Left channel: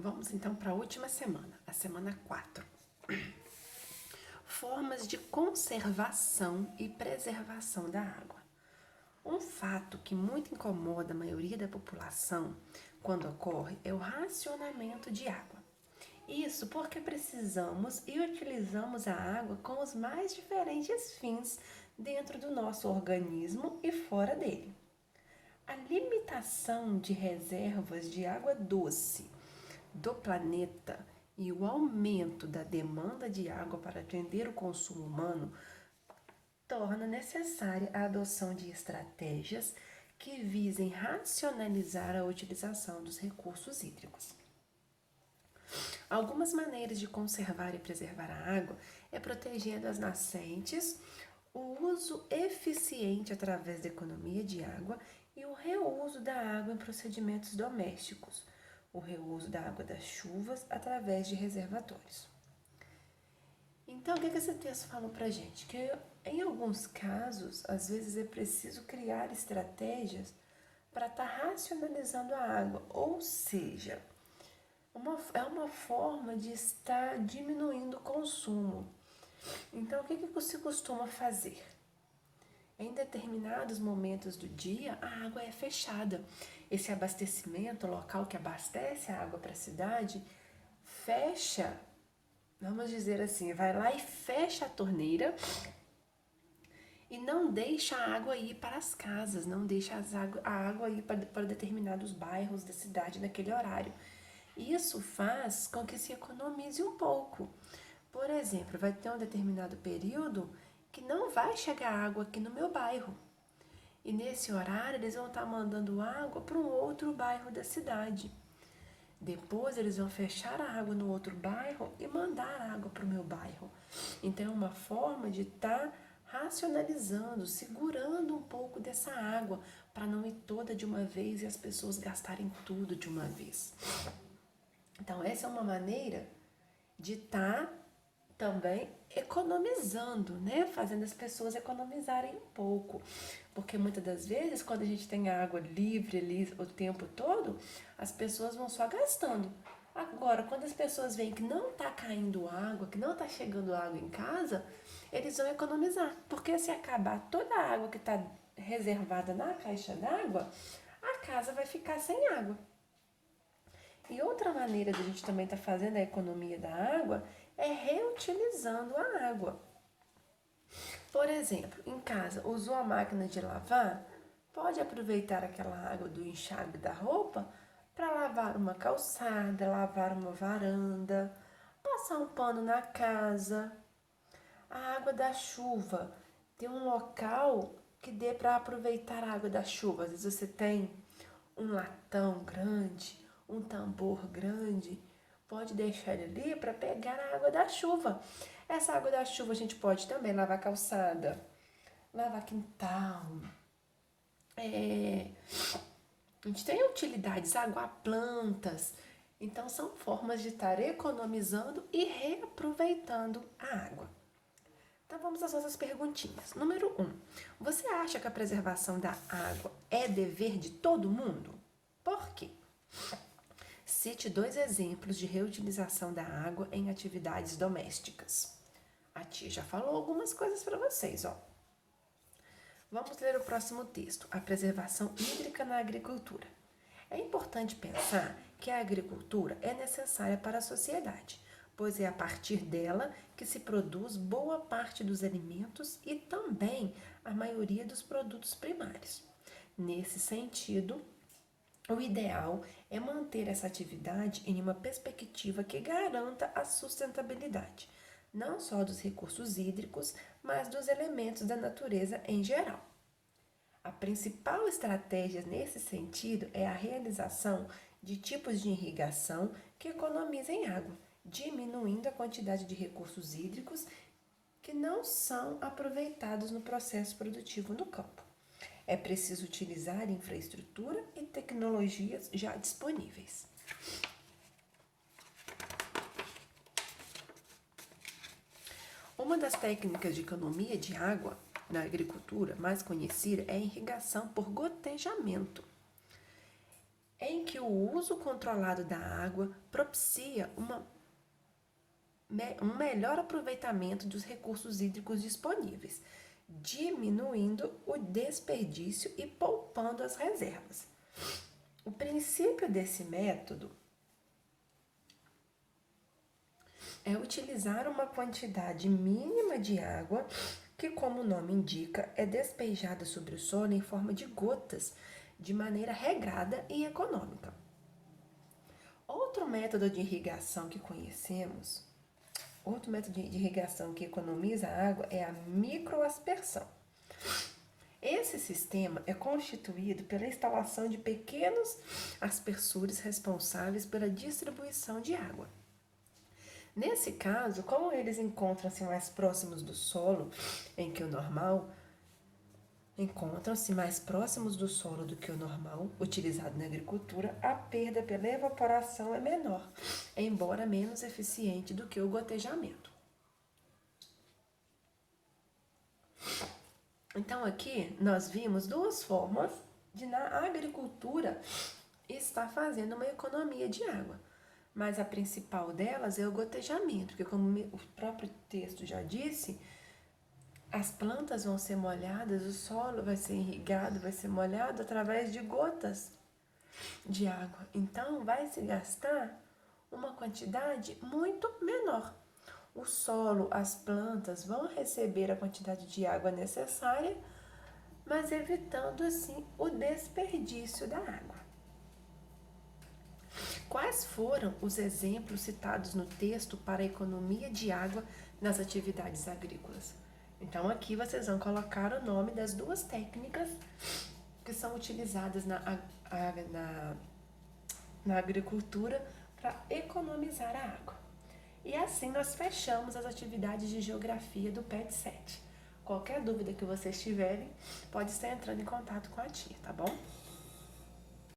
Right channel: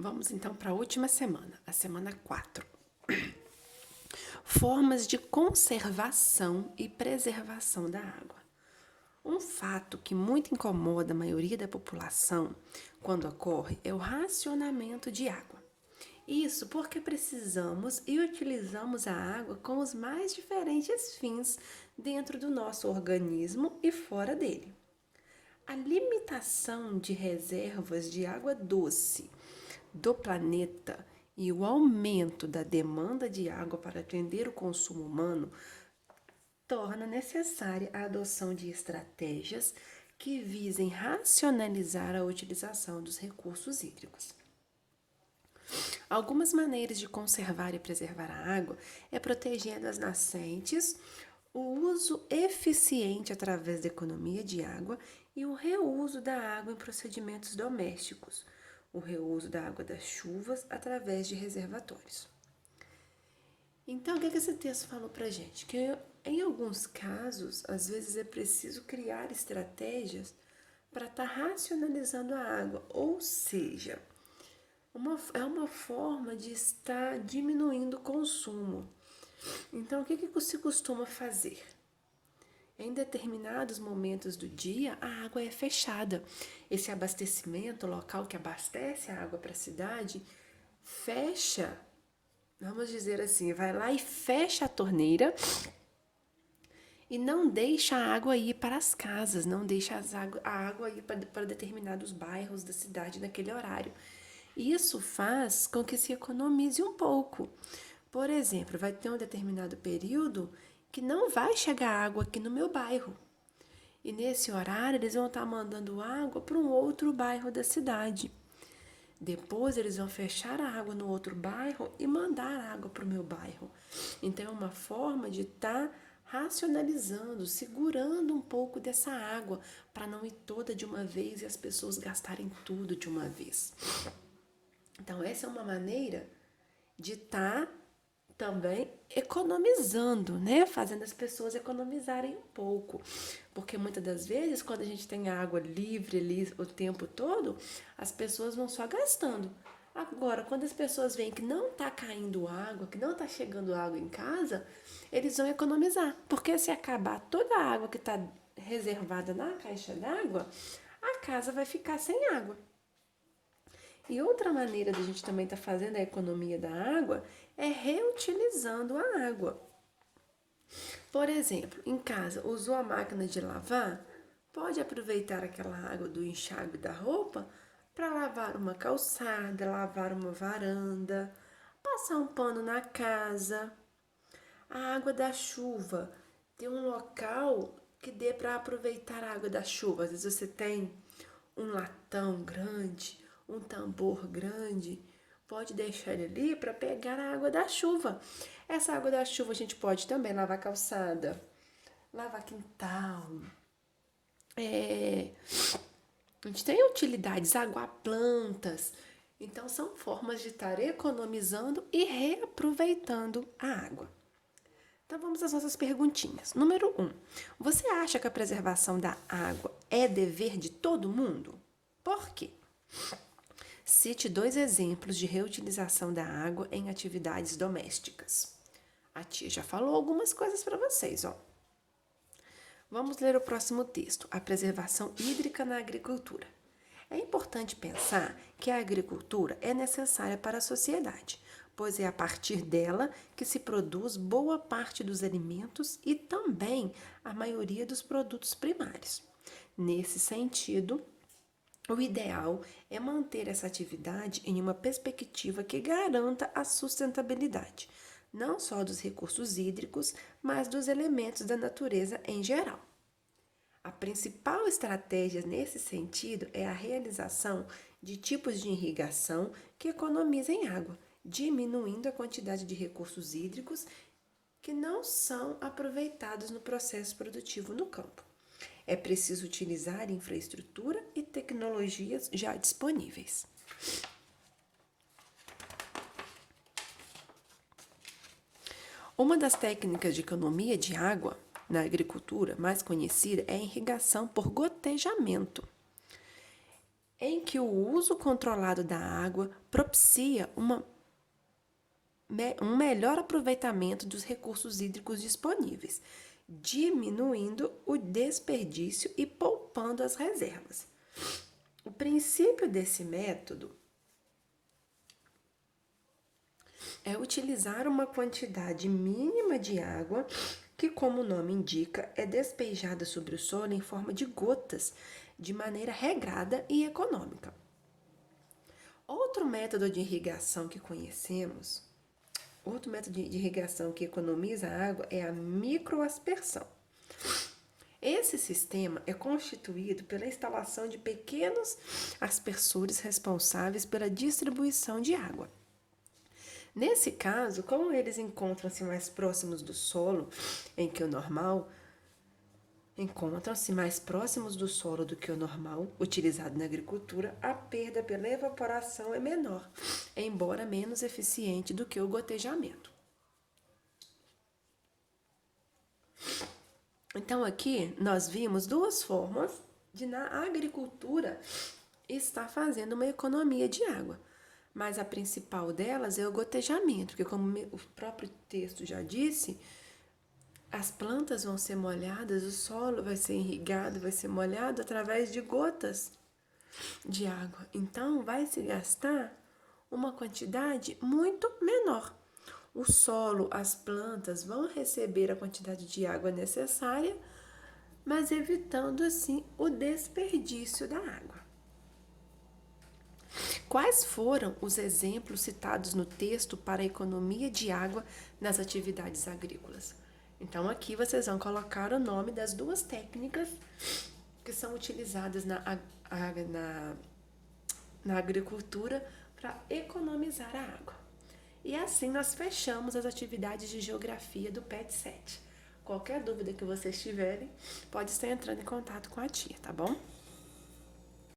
Vamos então para a última semana, a semana 4. Formas de conservação e preservação da água. Um fato que muito incomoda a maioria da população quando ocorre é o racionamento de água. Isso porque precisamos e utilizamos a água com os mais diferentes fins dentro do nosso organismo e fora dele. A limitação de reservas de água doce do planeta e o aumento da demanda de água para atender o consumo humano torna necessária a adoção de estratégias que visem racionalizar a utilização dos recursos hídricos. Algumas maneiras de conservar e preservar a água é protegendo as nascentes, o uso eficiente através da economia de água e o reuso da água em procedimentos domésticos, o reuso da água das chuvas através de reservatórios. Então, o que esse texto fala pra gente? Que em alguns casos, às vezes é preciso criar estratégias para estar racionalizando a água, ou seja, é uma forma de estar diminuindo o consumo. Então, o que se costuma fazer? Em determinados momentos do dia, a água é fechada. Esse abastecimento, o local que abastece a água para a cidade, fecha, vamos dizer assim, vai lá e fecha a torneira e não deixa a água ir para as casas, não deixa a água ir para determinados bairros da cidade naquele horário. Isso faz com que se economize um pouco. Por exemplo, vai ter um determinado período que não vai chegar água aqui no meu bairro. E nesse horário eles vão estar mandando água para um outro bairro da cidade. Depois eles vão fechar a água no outro bairro e mandar água para o meu bairro. Então é uma forma de estar racionalizando, segurando um pouco dessa água para não ir toda de uma vez e as pessoas gastarem tudo de uma vez. Então essa é uma maneira de estar também economizando, né? Fazendo as pessoas economizarem um pouco. Porque muitas das vezes, quando a gente tem a água livre ali o tempo todo, as pessoas vão só gastando. Agora, quando as pessoas veem que não está caindo água, que não está chegando água em casa, eles vão economizar. Porque se acabar toda a água que está reservada na caixa d'água, a casa vai ficar sem água. E outra maneira de a gente também estar fazendo a economia da água é reutilizando a água. Por exemplo, em casa, usou a máquina de lavar, pode aproveitar aquela água do enxágue da roupa para lavar uma calçada, lavar uma varanda, passar um pano na casa. A água da chuva, tem um local que dê para aproveitar a água da chuva. Às vezes você tem um latão grande, um tambor grande, pode deixar ele ali para pegar a água da chuva. Essa água da chuva a gente pode também lavar calçada, lavar quintal. A gente tem utilidades, aguar plantas. Então são formas de estar economizando e reaproveitando a água. Então vamos às nossas perguntinhas. Número 1. Você acha que a preservação da água é dever de todo mundo? Por quê? Cite 2 exemplos de reutilização da água em atividades domésticas. A tia já falou algumas coisas para vocês, ó. Vamos ler o próximo texto, a preservação hídrica na agricultura. É importante pensar que a agricultura é necessária para a sociedade, pois é a partir dela que se produz boa parte dos alimentos e também a maioria dos produtos primários. Nesse sentido, o ideal é manter essa atividade em uma perspectiva que garanta a sustentabilidade, não só dos recursos hídricos, mas dos elementos da natureza em geral. A principal estratégia nesse sentido é a realização de tipos de irrigação que economizem água, diminuindo a quantidade de recursos hídricos que não são aproveitados no processo produtivo no campo. É preciso utilizar infraestrutura e tecnologias já disponíveis. Uma das técnicas de economia de água na agricultura mais conhecida é a irrigação por gotejamento. em que o uso controlado da água propicia um melhor aproveitamento dos recursos hídricos disponíveis, diminuindo o desperdício e poupando as reservas. O princípio desse método é utilizar uma quantidade mínima de água que, como o nome indica, é despejada sobre o solo em forma de gotas, de maneira regrada e econômica. Outro método de irrigação que conhecemos, outro método de irrigação que economiza água é a microaspersão. Esse sistema é constituído pela instalação de pequenos aspersores responsáveis pela distribuição de água. Nesse caso, como eles encontram-se mais próximos do solo em que o normal, encontram-se mais próximos do solo do que o normal utilizado na agricultura, a perda pela evaporação é menor, embora menos eficiente do que o gotejamento. Então aqui nós vimos duas formas de na agricultura estar fazendo uma economia de água. Mas a principal delas é o gotejamento, porque como o próprio texto já disse, as plantas vão ser molhadas, o solo vai ser irrigado, vai ser molhado através de gotas de água. Então vai se gastar uma quantidade muito menor. O solo, as plantas vão receber a quantidade de água necessária, mas evitando assim o desperdício da água. Quais foram os exemplos citados no texto para a economia de água nas atividades agrícolas? Então, aqui vocês vão colocar o nome das duas técnicas que são utilizadas na agricultura para economizar a água. E assim nós fechamos as atividades de geografia do PET 7. Qualquer dúvida que vocês tiverem, pode estar entrando em contato com a tia, tá bom?